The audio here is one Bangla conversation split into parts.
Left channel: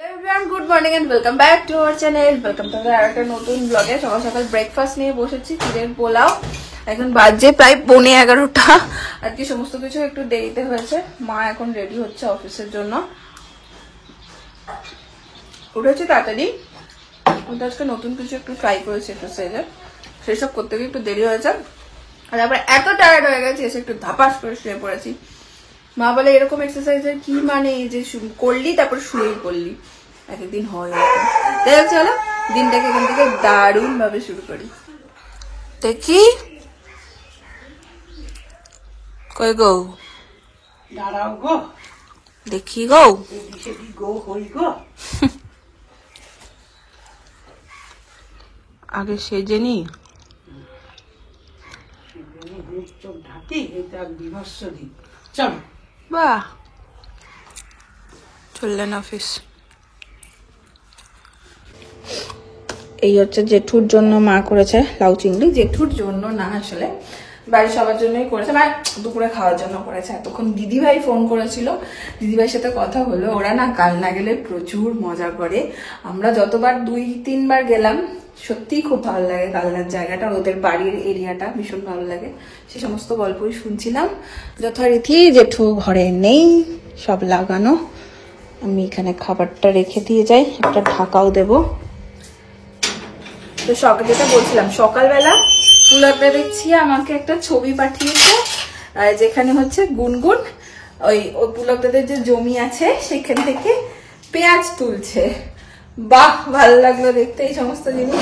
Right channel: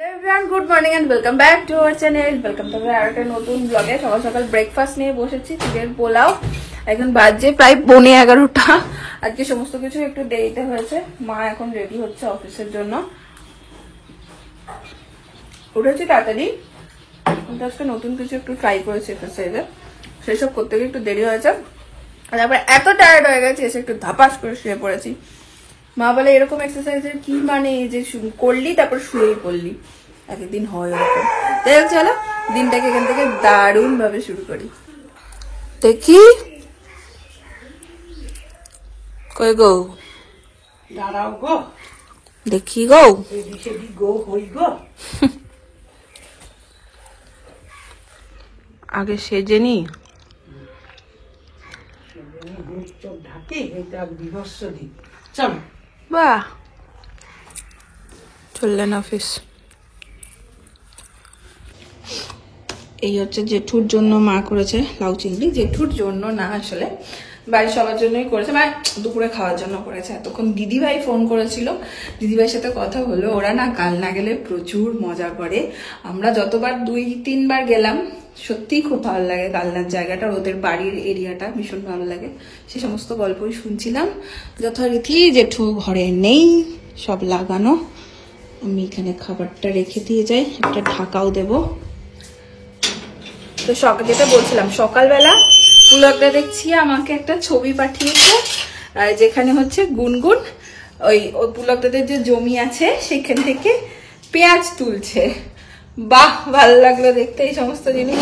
Hello everyone, good morning and welcome back to our channel. Welcome to our নতুন ব্লগে। সকাল সকাল ব্রেকফাস্ট নিয়ে বসেছি, চিড়ের পোলাও। এখন বাজে প্রায় 11:30। আজকে সমস্ত কিছু একটু দেরিতে হয়েছে। মা এখন রেডি হচ্ছে অফিসের জন্য। উঠেছি তাড়াতাড়ি, কিন্তু আজকে নতুন কিছু একটু ট্রাই করেছি এক্সারসাইজে, সেসব করতে গিয়ে একটু দেরি হয়েছে। আর তারপরে এত টায়ার্ড হয়ে গেছে, এসে একটু ধাপাস করে শুয়ে পড়েছি। মা বলে এরকম এক্সারসাইজের কি মানে, যে করলি তারপর শুয়েই পড়লি, একদিন হয় ওরকম। তাই চলো দিনটাকে এখান থেকে দারুণ ভাবে শুরু করি। দেখি কই গো, দাঁড়াও গো, দেখি গো, গো হই গো। আগে সেজে নি, চোখ ঢাকি, এটা বিভৎস দিন। চলো বাহ চললেন অফিস। এই হচ্ছে জেঠুর জন্য মা করেছে লাউ চিংড়ি। জেঠুর জন্য না, আসলে বাড়ির সবার জন্যই করেছে, মানে দুপুরে খাওয়ার জন্য করেছে। এতক্ষণ দিদিভাই ফোন করেছিল, দিদিভাইয়ের সাথে কথা হলো। ওরা না কালনা গেলে প্রচুর মজা করে। আমরা যতবার 2-3 বার গেলাম, সত্যিই খুব ভালো লাগে কালনার জায়গাটা, ওদের বাড়ির এরিয়াটা ভীষণ ভালো লাগে। সেই সমস্ত গল্পই শুনছিলাম। যথারীতি জেঠু ঘরে নেই, সব লাগানো। আমি এখানে খাবারটা রেখে দিয়ে যাই, একটা ঢাকাও দেবো। তো যেটা বলছিলাম, সকালবেলা পুলকদা দেখছি আমাকে একটা ছবি পাঠিয়েছে, যেখানে হচ্ছে গুনগুন ওই পুলকদাদের যে জমি আছে সেখান থেকে পেঁয়াজ তুলছে। বাহ, ভালো লাগলো দেখতে। এই সমস্ত জিনিস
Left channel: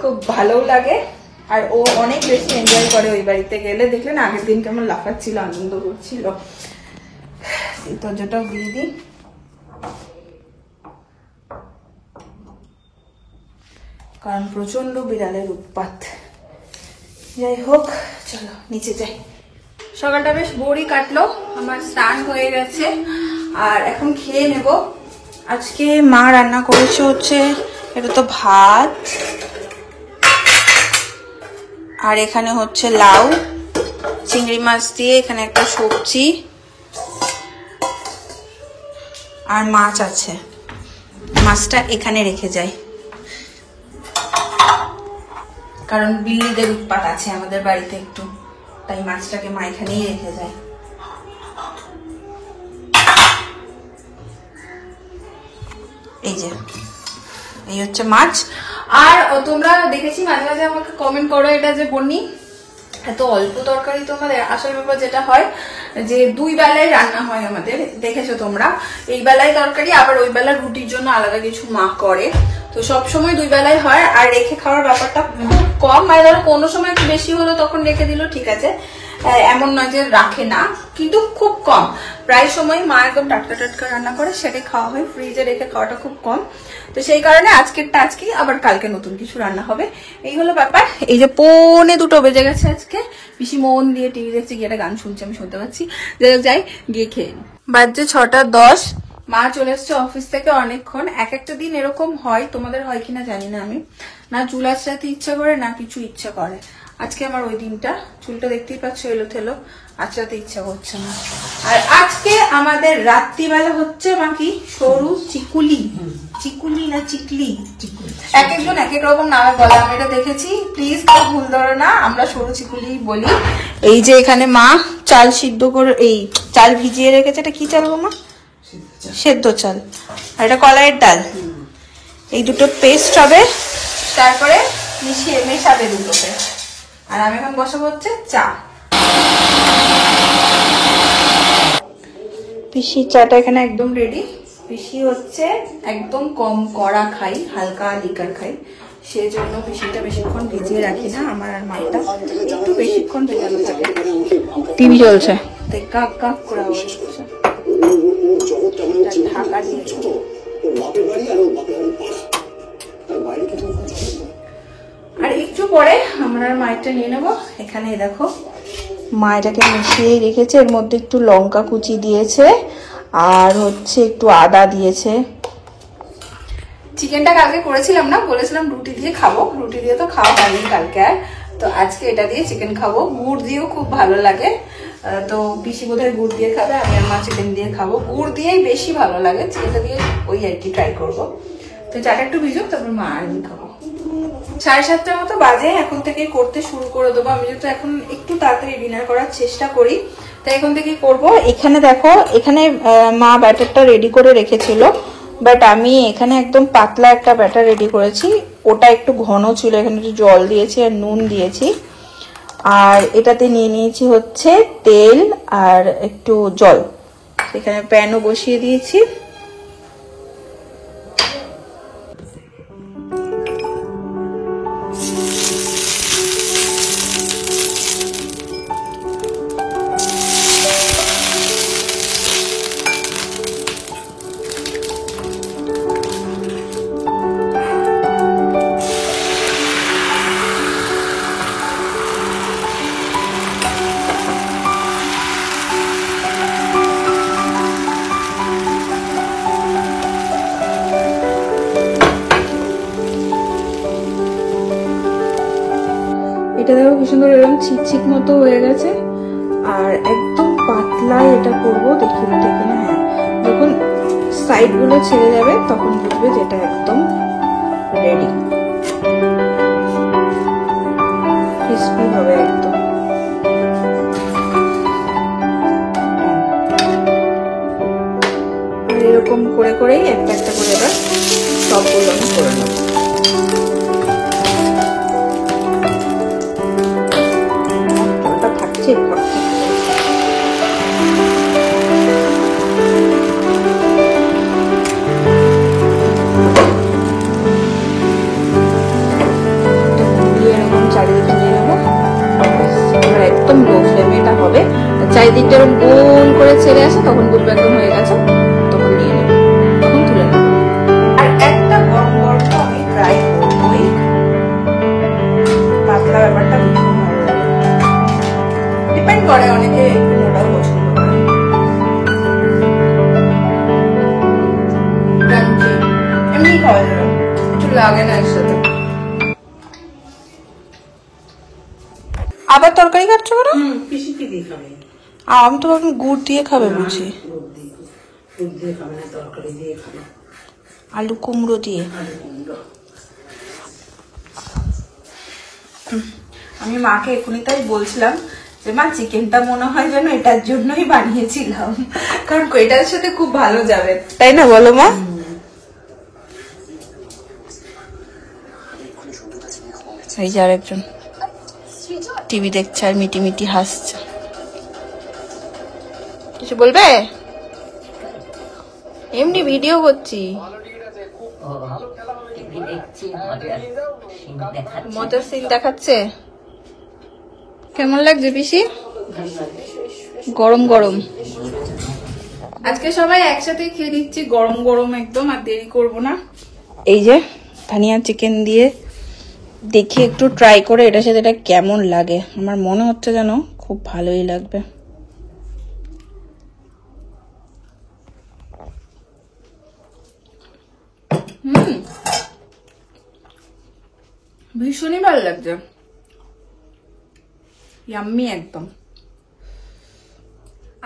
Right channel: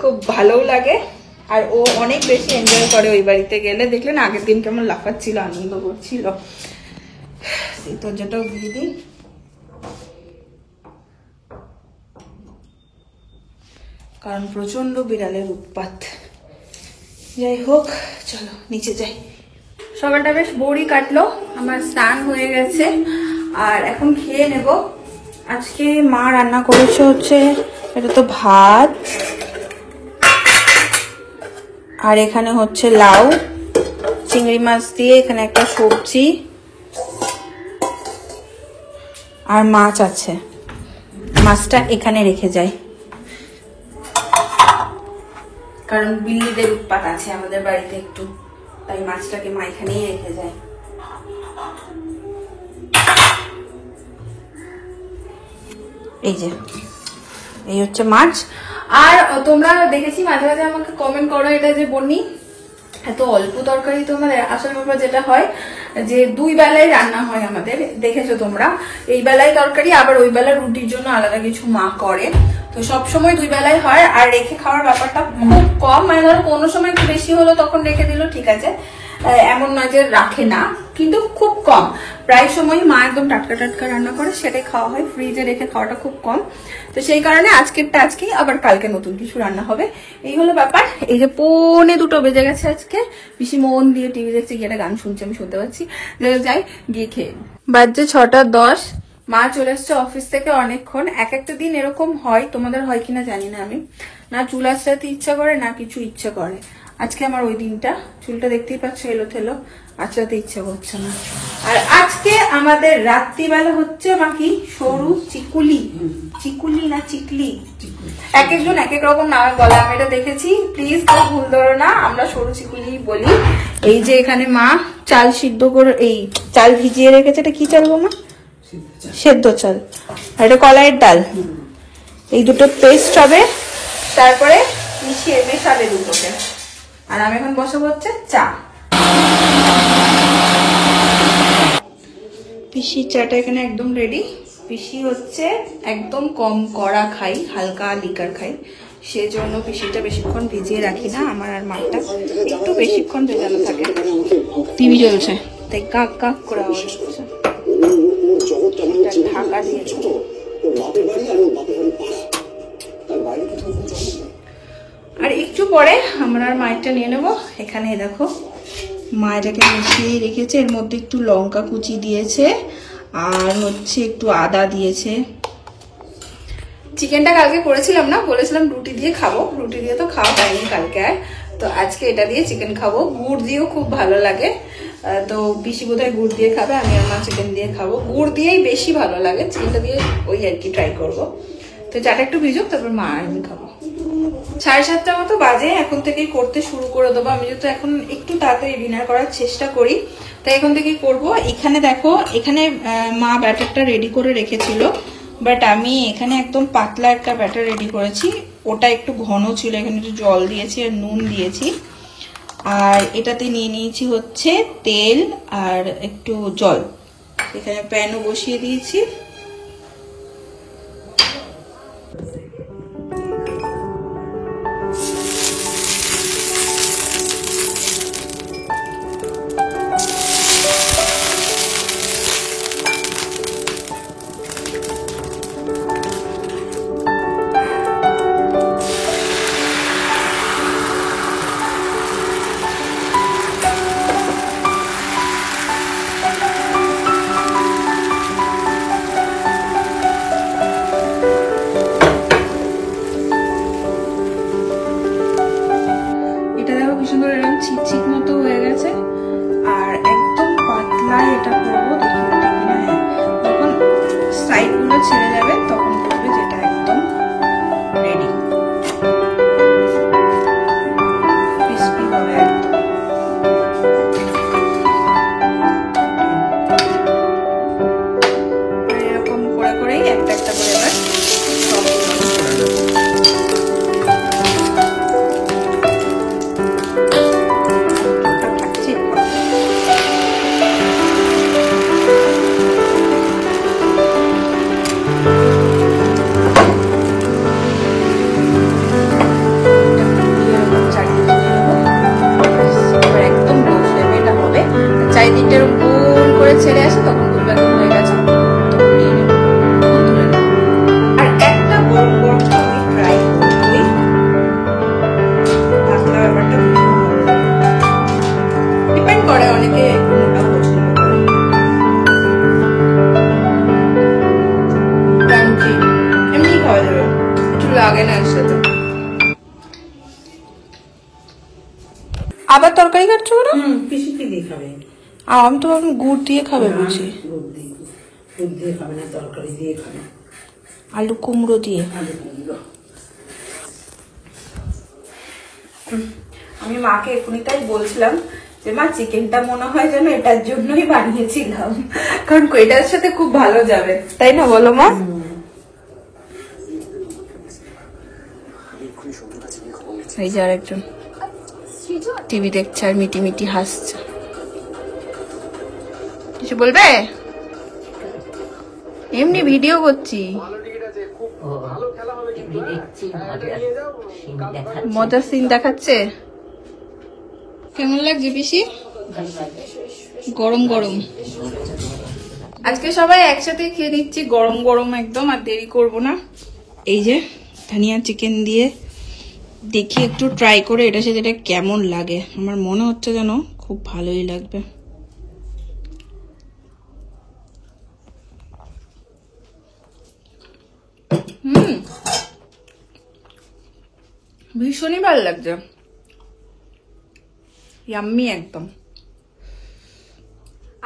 খুব ভালোও লাগে, আর ও অনেক বেশি এনজয় করে ওই বাড়িতে গেলে। দেখলেন আগের দিন কেমন লাফাচ্ছিল, আনন্দ করছিল। তো যেটা দিয়ে দিন, কারণ প্রচন্ড বিড়ালের উৎপাত। যাই হোক, চলো নিচে যাই। সকালটা বেশ বোরই কাটলো, আমার স্নান হয়ে গেছে আর এখন খেয়ে নেব। আজকে মা রান্না করেছে হচ্ছে, এটা তো ভাত, আর এখানে হচ্ছে লাউ চিংড়ি মাছ দিয়ে, এখানে একটা সবজি আর মাছ আছে। মাছটা এখানে রেখে যাই, কারণ বিল্লিদের উৎপাত আছে আমাদের বাড়িতে একটু, তাই মাছটাকে মা এখানেই রেখে যায়। এই যে এই হচ্ছে মাছ। আর তোমরা দেখেছি মাঝে মাঝে আমাকে কমেন্ট করো, এটা যে বন্নি এত অল্প তরকারি তোমাদের। আসল ব্যাপার যেটা হয় যে 2 বেলায় রান্না হয় আমাদের, দেখেছো তোমরা। এই বেলায় তরকারি, আবার ওই বেলা রুটির জন্য আলাদা কিছু মা করে। তো সবসময় 2 বেলায় হয়, আর রেখে খাওয়ার ব্যাপারটা খুব কম। মানে ধরো কোনো সময় একটু বেশি হলো তখন রেখে দিল, ঠিক আছে, এমন নয় যে রাখে না, কিন্তু খুব কম। প্রায় সময় মা একদম টাটকা টাটকা রান্না করে, সেটাই খাওয়া হয়। ফ্রিজে রেখে খাওয়াটা খুব কম। তো সেই কারণে আজকেরটা আজকেই, আবার কালকে নতুন কিছু রান্না হবে। এই হলো ব্যাপার। এই যে 1:45 বেজে গেছে আজকে, বেশি মন দিয়ে টিভি দেখছি, গিয়ে একটা গান শুনছি, আমি শুনতে পাচ্ছি। যাই গিয়ে খেয়ে নি। বাজছে 6:10। মা চলে এসছে অফিস থেকে অনেকক্ষণ। এক একটা দিন এরকম হয়, তোমাদের হয় কিনা জানি না আমি, না চুল আঁচড়াতে ইচ্ছা করে না কিছু ইচ্ছা করে। আজকে আমার ওই দিনটা, চুলটা দেখতেই পাচ্ছ এলো থেলো, আঁচড়াতে ইচ্ছা করছে না। আর আজকে আমাদের রাত্রিবেলা হচ্ছে বাকি সরু চিকুলি, চিকুলি না চিকলি, এক একজন এক এক রকম নামে বলে, আমি এটা দেখেছি, প্লিজ কেউ ভুল ধরো না, আমরা সরু চিকুলি বলি। এই যে এখানে মা চাল সিদ্ধ করে, এই চাল ভিজিয়ে রেখেছে। এটা কি চাল গো মা? সেদ্ধ চাল। আর এটা কলাইয়ের ডাল। এই দুটো পেস্ট হবে, তারপরে মেশাবে দুটোকে। আর আমি এখন বসাবো হচ্ছে চা। পিসি চাটা এখানে একদম রেডি। পিসি হচ্ছে একদম কম কড়া খাই, হালকা লিকার খাই, সেজন্য পিসিটা বেশিক্ষণ ভিজিয়ে রাখি না। আমার আর মাঠটা একটু বেশিক্ষণ ভেজানো থাকে। টিভি চলছে তাই কাক কাক করে আওয়াজ হচ্ছে। ঢাকা দিয়ে আর একটু পরে আমরা আর মাইটা নিয়ে নেবো। এখানে দেখো মা এটাকে মিশিয়ে রেখেছে, এর মধ্যে একটু লঙ্কা কুচি দিয়েছে, আর হচ্ছে একটু আদা দিয়েছে। চিকেনটা কালকে করেছিলাম না, বলেছিলাম রুটি দিয়ে খাবো, রুটি দিয়ে তো খাওয়া হয়নি কালকে আর। তো আজকে এটা দিয়ে চিকেন খাবো, গুড় দিয়েও খুব ভালো লাগে। তো পিসি বোধহয় গুড় দিয়ে খাবে, আমি আর মা চিকেন দিয়ে খাবো। গুড় দিয়েই বেশি ভালো লাগে, চিকেনটা দিয়ে ওই আর কি ট্রাই করবো। তো চাটা একটু ভিজুক, তারপর মা আর আমি খাবো। 7:30 মতো বাজে, এখন থেকেই করতে শুরু করে দেবো। আমি যেহেতু এখন একটু তাড়াতাড়ি ডিনার করার চেষ্টা করি, তাই এখন থেকেই করবো। এখানে দেখো, এখানে মা ব্যাটারটা রেডি করে রেখেছিল, বাট আমি এখানে একদম পাতলা একটা ব্যাটার রেডি করেছি। ওটা একটু ঘন ছিল, এখানে একটু জল দিয়েছি আর নুন দিয়েছি। আর এটাতে নিয়ে নিয়েছি হচ্ছে তেল আর একটু জল। এখানে প্যানও বসিয়ে দিয়েছি। এটা দেখো কি সুন্দর এরকম চিকচিক মতো হয়ে গেছে। আর একদম পাতলা এটা করবো, দেখি ওটা কিনা। হ্যাঁ, যখন সাইড গুলো ছেড়ে যাবে তখন বুঝবে যেটা একদম রেডি, ক্রিস্পি হবে একদম। এরকম করে করেই একটা একটা করে এবার সবগুলো আমি করে নেবো। আবার তরকারি কাটছো ওরা? পিসি কি দিয়ে খাবে? আমি তো ভাবলাম গুড় দিয়ে খাবে বুঝি। গুড় দিয়ে খাবে না, তরকারি দিয়ে খাবে। আলু কুমড়ো দিয়ে। আমি মাকে এখনই তাই বলছিলাম যে মা চিকেনটা মনে হয় যেন এটার জন্যই বানিয়েছিলাম, কারণ এটার সাথে খুব ভালো যাবে, তাই না বলো মা? এই যে আরেকজন টিভি দেখছে আর মিটি মিটি হাসছে। কিছু বলবে? এমনি ভিডিও করছি। মজার সিন দেখাচ্ছে। কেমন লাগছে পিসি? গরম গরম। আজকে সবাই একসাথে খেয়ে নিচ্ছি গরম গরম একদম, আর দেরি করব না। এই যে ধনিয়া চিকেন দিয়ে দেখি একটু ট্রাই করে এটার সাথে এটা কেমন লাগে। আমার মনে হচ্ছে যেন খুব ভালোই লাগবে। ভীষণই ভালো লাগছে, ইয়াম্মি একদম।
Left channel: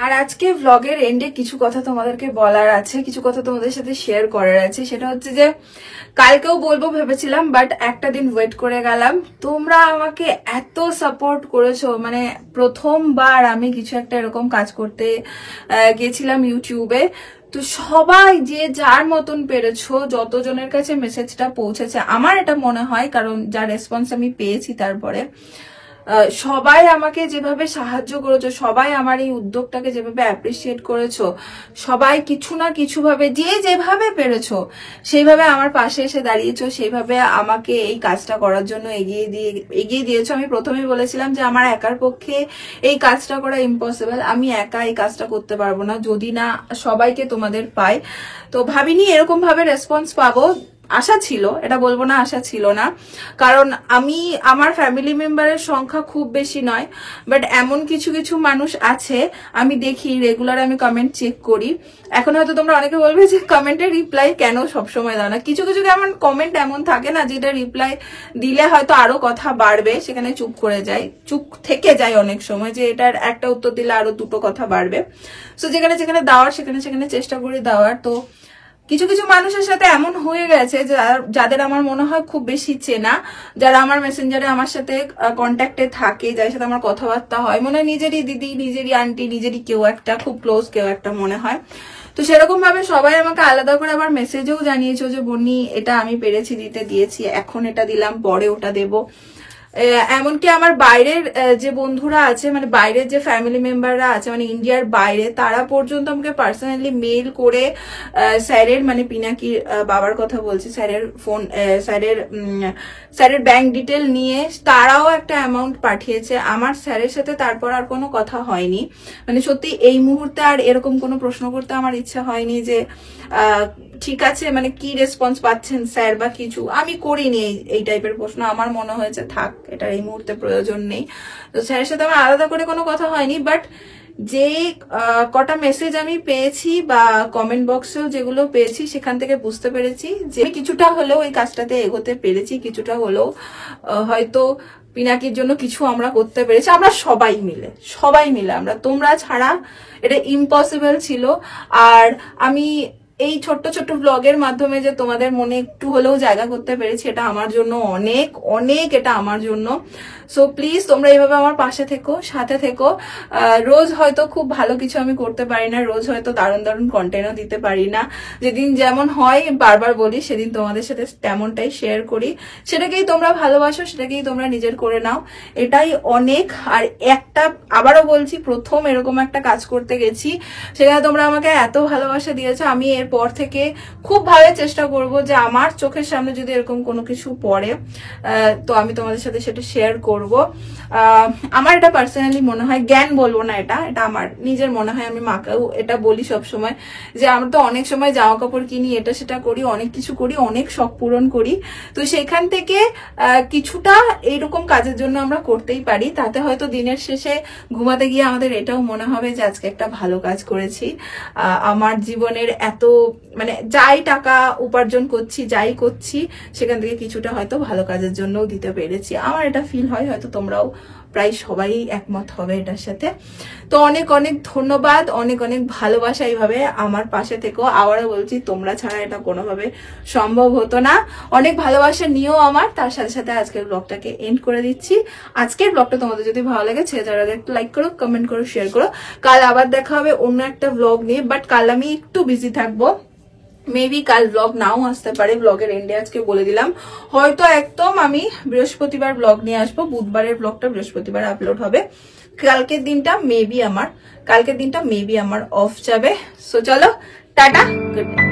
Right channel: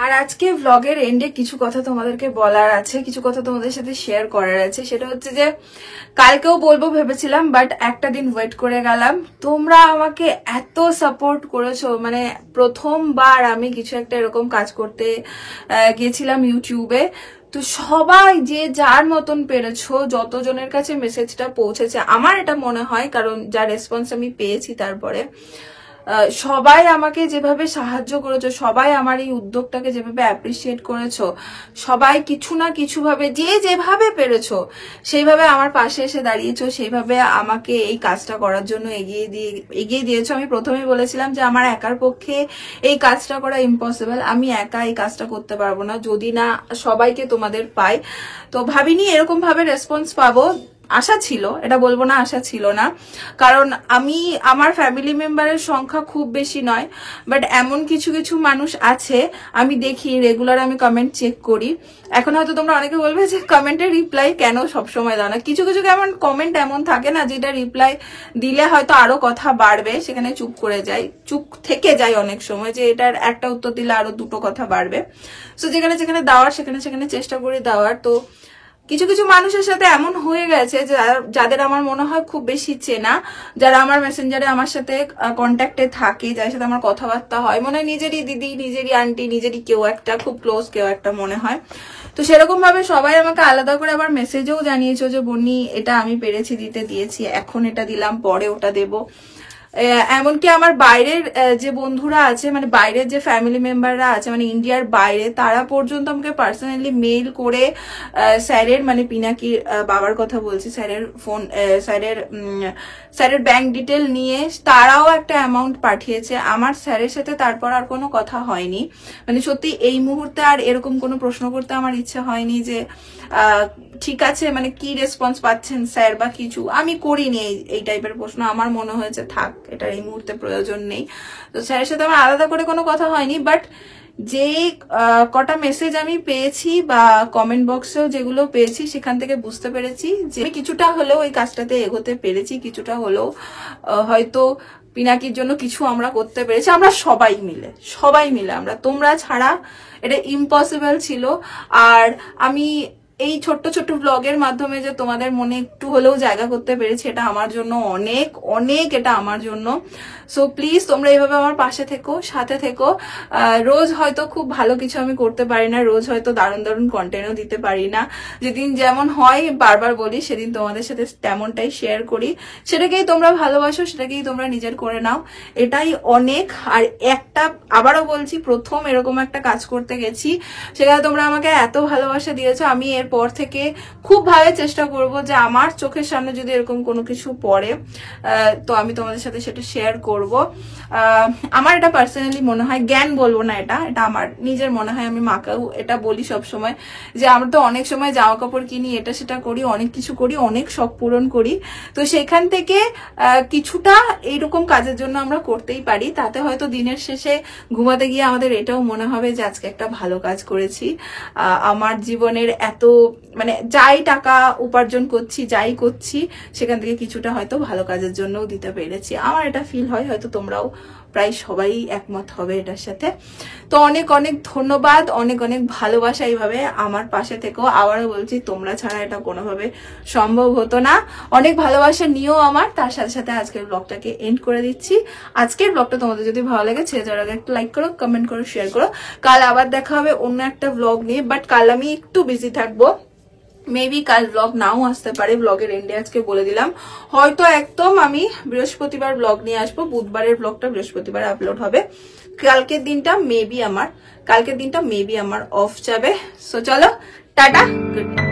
আর আজকে ভ্লগের এন্ডে কিছু কথা তোমাদেরকে বলার আছে, কিছু কথা তোমাদের সাথে শেয়ার করার আছে। সেটা হচ্ছে যে কালকেও বলবো ভেবেছিলাম, বাট একটা দিন ওয়েট করে গেলাম। তোমরা আমাকে এত সাপোর্ট করেছো, মানে প্রথমবার আমি কিছু একটা এরকম কাজ করতে গিয়েছিলাম ইউটিউবে। তো সবাই যে যার মতন পেরেছো, যতজনের কাছে মেসেজটা পৌঁছেছে, আমার এটা মনে হয়, কারণ যা রেসপন্স আমি পেয়েছি তারপরে সবাই আমাকে যেভাবে সাহায্য করেছো, সবাই আমার এই উদ্যোগটাকে যেভাবে অ্যাপ্রিসিয়েট করেছো, সবাই কিছু না কিছু ভাবে যে যেভাবে পেরেছো সেইভাবে আমার পাশে এসে দাঁড়িয়েছো, সেইভাবে আমাকে এই কাজটা করার জন্য এগিয়ে দিয়েছো। আমি প্রথমেই বলেছিলাম যে আমার একার পক্ষে এই কাজটা করা ইম্পসিবল, আমি একা এই কাজটা করতে পারবো না যদি না সবাইকে তোমাদের পাই। তো ভাবিনি এরকম ভাবে রেসপন্স পাবো। আশা ছিল, এটা বলবো না আশা ছিল না, কারণ আমার ফ্যামিলি মেম্বারের সংখ্যা খুব বেশি নয়, বাট এমন কিছু কিছু মানুষ আছে আমি দেখি রেগুলার, আমি কমেন্ট চেক করি। এখন হয়তো তোমরা অনেকে বলবে যে কমেন্টের রিপ্লাই কেন সবসময় দাও না, কিছু কিছু কেমন কমেন্ট এমন থাকে না যেটা রিপ্লাই দিলে হয়তো আরো কথা বাড়বে, সেখানে চুপ থেকে যায় অনেক সময়, যে এটার একটা উত্তর দিলে আরো দুটো কথা বাড়বে। তো যেখানে যেখানে দেওয়ার সেখানে চেষ্টা করি দেওয়ার। তো কিছু কিছু মানুষের সাথে এমন হয়ে গেছে যাদের আমার মনে হয় খুব বেশি চেনা, যারা আমার মেসেঞ্জারে আমার সাথে কন্ট্যাক্টে থাকে, যাদের সাথে আমার কথাবার্তা হয়, মনে হয় নিজেরই দিদি, নিজেরই আন্টি, নিজেরই কেউ একটা, খুব ক্লোজ কেউ একটা মনে হয়। তো সেরকম ভাবে সবাই আমাকে আলাদা করে আবার মেসেজও জানিয়েছো যে বন্নি এটা আমি পেরেছি দিতে, দিয়েছি, এখন এটা দিলাম, পরে ওটা দেবো। এমনকি আমার বাইরের যে বন্ধুরা আছে, মানে বাইরের যে ফ্যামিলি মেম্বাররা আছে, মানে ইন্ডিয়ার বাইরে, তারা পর্যন্ত আমাকে পার্সোনালি মেইল করে স্যারের, মানে পিনাকির বাবার কথা বলছি, স্যারের ব্যাংক ডিটেল নিয়ে তারাও একটা অ্যামাউন্ট পাঠিয়েছে আমার স্যারের সাথে। তারপর আর কোনো কথা হয়নি, মানে সত্যি এই মুহূর্তে আর এরকম কোনো প্রশ্ন করতে আমার ইচ্ছা হয়নি যে ঠিক আছে মানে কি রেসপন্স পাচ্ছেন স্যার বা কিছু, আমি করিনি এই টাইপের প্রশ্ন। আমার মনে হয়েছে থাক, এটার এই মুহূর্তে প্রয়োজন নেই। তো স্যারের সাথে আমার আলাদা করে কোনো কথা হয়নি, বাট যে কটা মেসেজ আমি পেয়েছি বা কমেন্ট বক্সেও যেগুলো পেয়েছি, সেখান থেকে বুঝতে পেরেছি যে কিছুটা হলেও এই কাজটাতে এগোতে পেরেছি, কিছুটা হলেও হয়তো পিনাকির জন্য কিছু আমরা করতে পেরেছি, আমরা সবাই মিলে আমরা, তোমরা ছাড়া এটা ইম্পসিবল ছিল। আর আমি এই ছোট্ট ছোট্ট ব্লগের মাধ্যমে যে তোমাদের মনে একটু হলেও জায়গা করতে পেরেছি, এটা আমার জন্য অনেক অনেক, এটা আমার জন্য। সো প্লিজ তোমরা এইভাবে আমার পাশে থেকো, সাথে থেকো। রোজ হয়তো খুব ভালো কিছু আমি করতে পারি না, রোজ হয়তো দারুণ দারুণ কন্টেন্টও দিতে পারি না, যেদিন যেমন হয় বারবার বলি সেদিন তোমাদের সাথে তেমনটাই শেয়ার করি, সেটাকেই তোমরা ভালোবাসো, সেটাকেই তোমরা নিজের করে নাও, এটাই অনেক। আর একটা আবারও বলছি, প্রথম এরকম একটা কাজ করতে গেছি, সেখানে তোমরা আমাকে এত ভালোবাসা দিয়েছো, আমি এরপর থেকে খুব ভালো চেষ্টা করব যে আমার চোখের সামনে যদি এরকম কোনো কিছু পড়ে তো আমি তোমাদের সাথে সেটা শেয়ার করব। আমার এটা পার্সোনালি মনে হয়, জ্ঞান বলবো না, এটা আমার নিজের মনে হয়, আমি মাকেও এটা বলি সব সময় যে আমরা তো অনেক সময় জামা কাপড় কিনি, এটা সেটা করি, অনেক কিছু করি, অনেক শখ পূরণ করি, তো সেখান থেকে কিছুটা এইরকম কাজের জন্য আমরা করতেই পারি, তাতে হয়তো দিনের শেষে ঘুমাতে গিয়ে আমাদের এটাও মনে হবে যে আজকে একটা ভালো কাজ করেছি। আমার জীবনের এত মানে যাই টাকা উপার্জন করছি, যাই করছি, সেখান থেকে কিছুটা হয়তো ভালো কাজের জন্যও দিতে পেরেছি, আমার এটা ফিল হয়, হয়তো তোমরাও প্রায় সবাই একমত হবে এটার সাথে। তো অনেক অনেক ধন্যবাদ, অনেক অনেক ভালোবাসা, এইভাবে আমার পাশে থেকো। আবারও বলছি, তোমরা ছাড়া এটা কোনোভাবে সম্ভব হতো না। অনেক ভালোবাসা নিয়েও আমার, তার সাথে সাথে আজকের ব্লগটাকে এন্ড করে দিচ্ছি। আজকের ব্লগটা তোমাদের যদি ভালো লাগে, ছেড়ে যাওয়ার আগে একটা লাইক করো, কমেন্ট করো, শেয়ার করো। কাল আবার দেখা হবে অন্য একটা ব্লগ নিয়ে, বাট কাল আমি একটু বিজি থাকবো, মেবি কাল ব্লগ নাও আসতে পারে, ব্লগের এন্ডে আজকে বলে দিলাম। হয়তো একদম আমি বৃহস্পতিবার ব্লগ নিয়ে আসবো, বুধবারের ব্লগটা বৃহস্পতিবার আপলোড হবে। কালকের দিনটা মেবি আমার অফ যাবে। সো চলো, টাটা, গুড নাইট।